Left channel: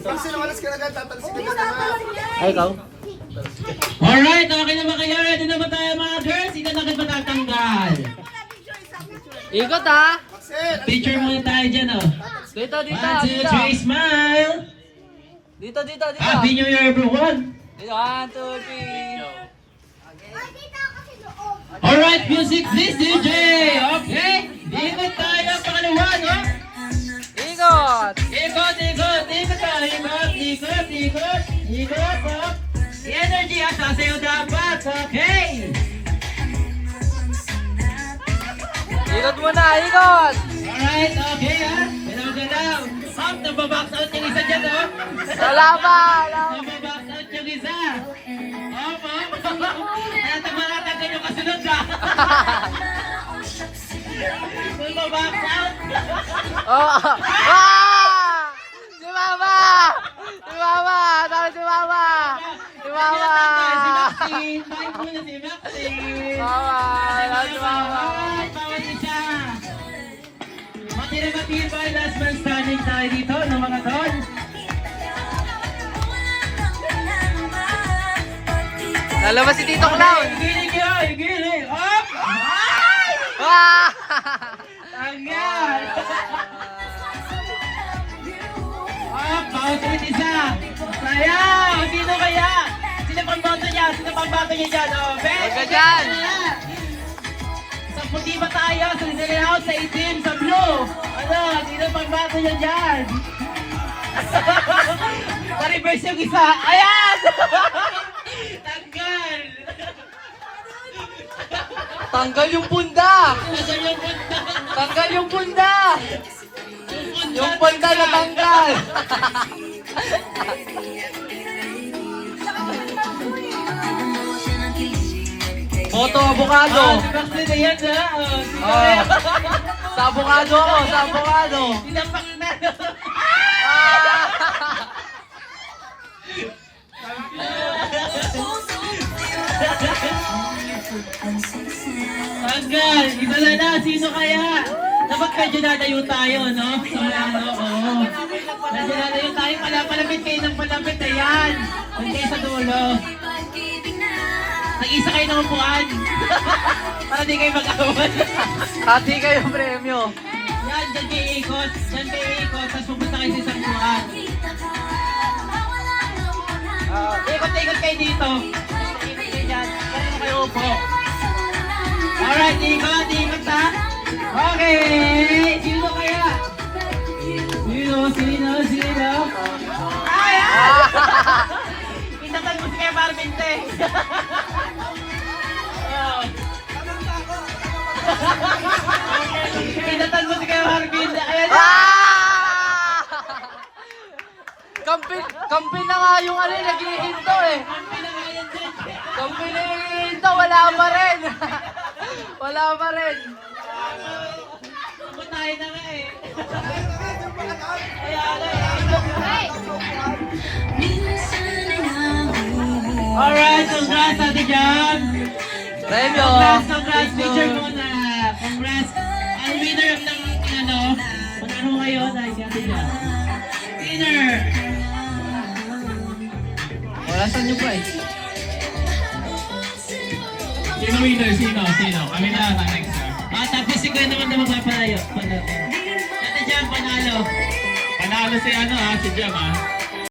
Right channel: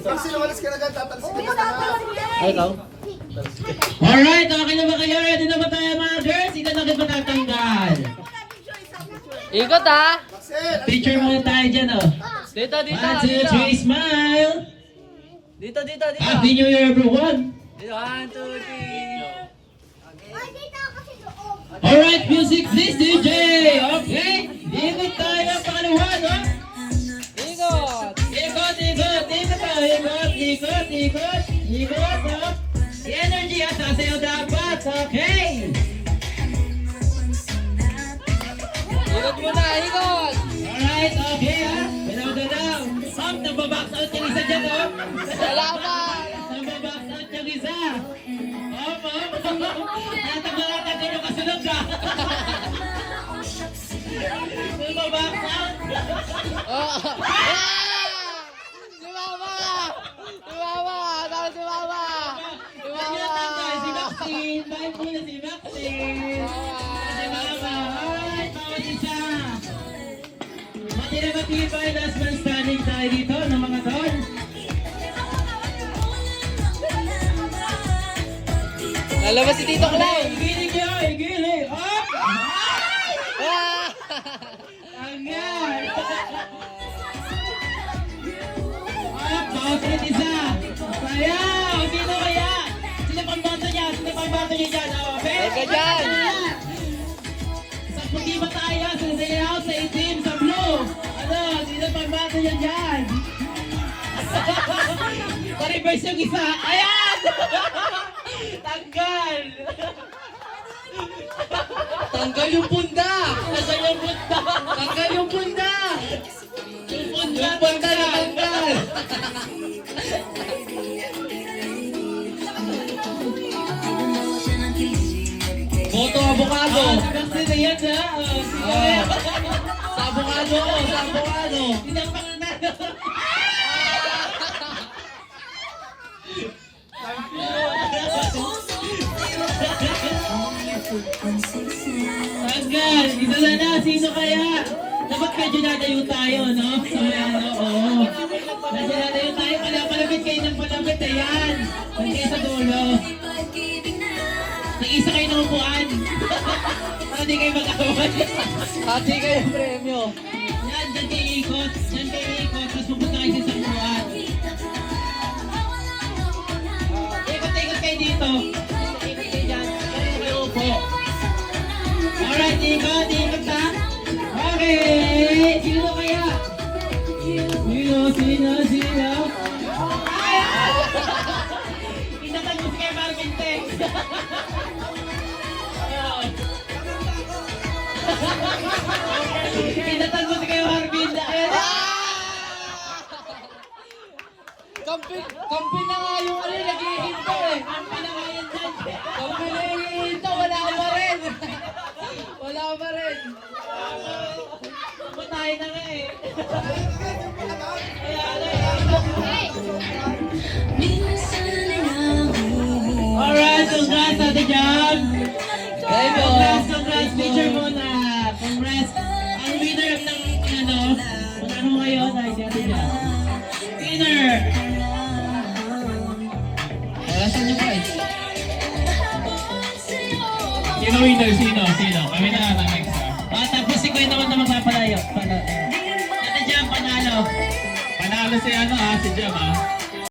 Pag sinawalas ka na agad, tatalsikin ka na. Ay, ikaw? Alright, okay na ba kayo? Ready na ba tayo mga girls? Ito na ba tatanggal? Ikot ha! Picture muna tayo dyan, oh. Dito, dito, 1, 2, dito. 3, smile! Dito, dito, dito. Happy New Year, everyone! Dito, 1, 2, 3. Alright, music please, DJ! Okay, ikot tayo pangalawa, no? Ikot! Ikot, ikot, ikot tayo, ikot, ikot, ikot, ikot, oh. The energy at sasayaw dapat, okay? Ikot muna, ikot! Alright, okay, ha? Galaw, galaw. Up, nababox out yung isa dyan, oh. Wala pa! Wala pa. Nababox out yung isa. Up, up. Natagmalatan kayo kasunod, ha? Nababox out. Oh! Ah! Si Mama! Si Mama! Tara si Mama! Si Mama! Si Maxine. Bye muna si Maxine. Mama! Tara si Mama! Alright, bawat isa. Matira-matibay, last man standing tayo dito, ng mga tol. Lalabas si Tito Clown! Giling yun, giling. Up! Ah! Tanggal! Up, bawat ulit isa. Sayaw! Sino kaya? Sino pang bato niya? Sino pang bato niya dyan? Oh, okay? Huwag ka dyan! Sa puti ba tayo? Sa dilaw, sa itim, sa blue? Ano? Sino pang bato niya dyan? Sa-reverse yung isa. Ayan! Tanggal! Tanggal yung punda! Tanggal yung punta. Tanggal yung punda! Yung punda na tanggal! Boto avocado! Kasi na yan, ha? Oh. Sa avocado ako, sa avocado! Sinapak na. Ah! Tanggal! Isa na. Sino kaya? Dapat medyo nadayo tayo, no? So, ano, oo. Medyo nadayo tayo. Palapit kayo ng palapit. Ayan. Huwag kayo sa dulo. Nag-isa kayo ng upuan. Para di kayo mag-awal. Hati kayo premyo! Yan, dyan kayo ikot. Dyan kayo ikot. Tapos pupunta kayo sa isang upuan. Ikot-ikot kayo dito. Ikot kayo dyan. Kaya kayo upo. Alright, ikot ha. Okay. Sino kaya? Sino? Ay! Itatag mo si Kuya Marvin, te. Itatag mo si Kuya Marvin. Ayan. Ah! Kampi na nga yung ano, nag-ihinto eh. Kampi na yung nag-ihinto, wala pa rin. Wala pa rin. Tayo na nga eh. Alright, congrats Ate Jam. Premyo! Congrats, picture muna. Congrats. Ang winner ng ano, ano ngayon ay si Ate Jam. Winner! Wala sa inyo po eh. Sino winner? Sino? Kami na next. Tapos si Kuya naman na magpapalayo. Ate Jam, panalo. Panalo si ano si Jam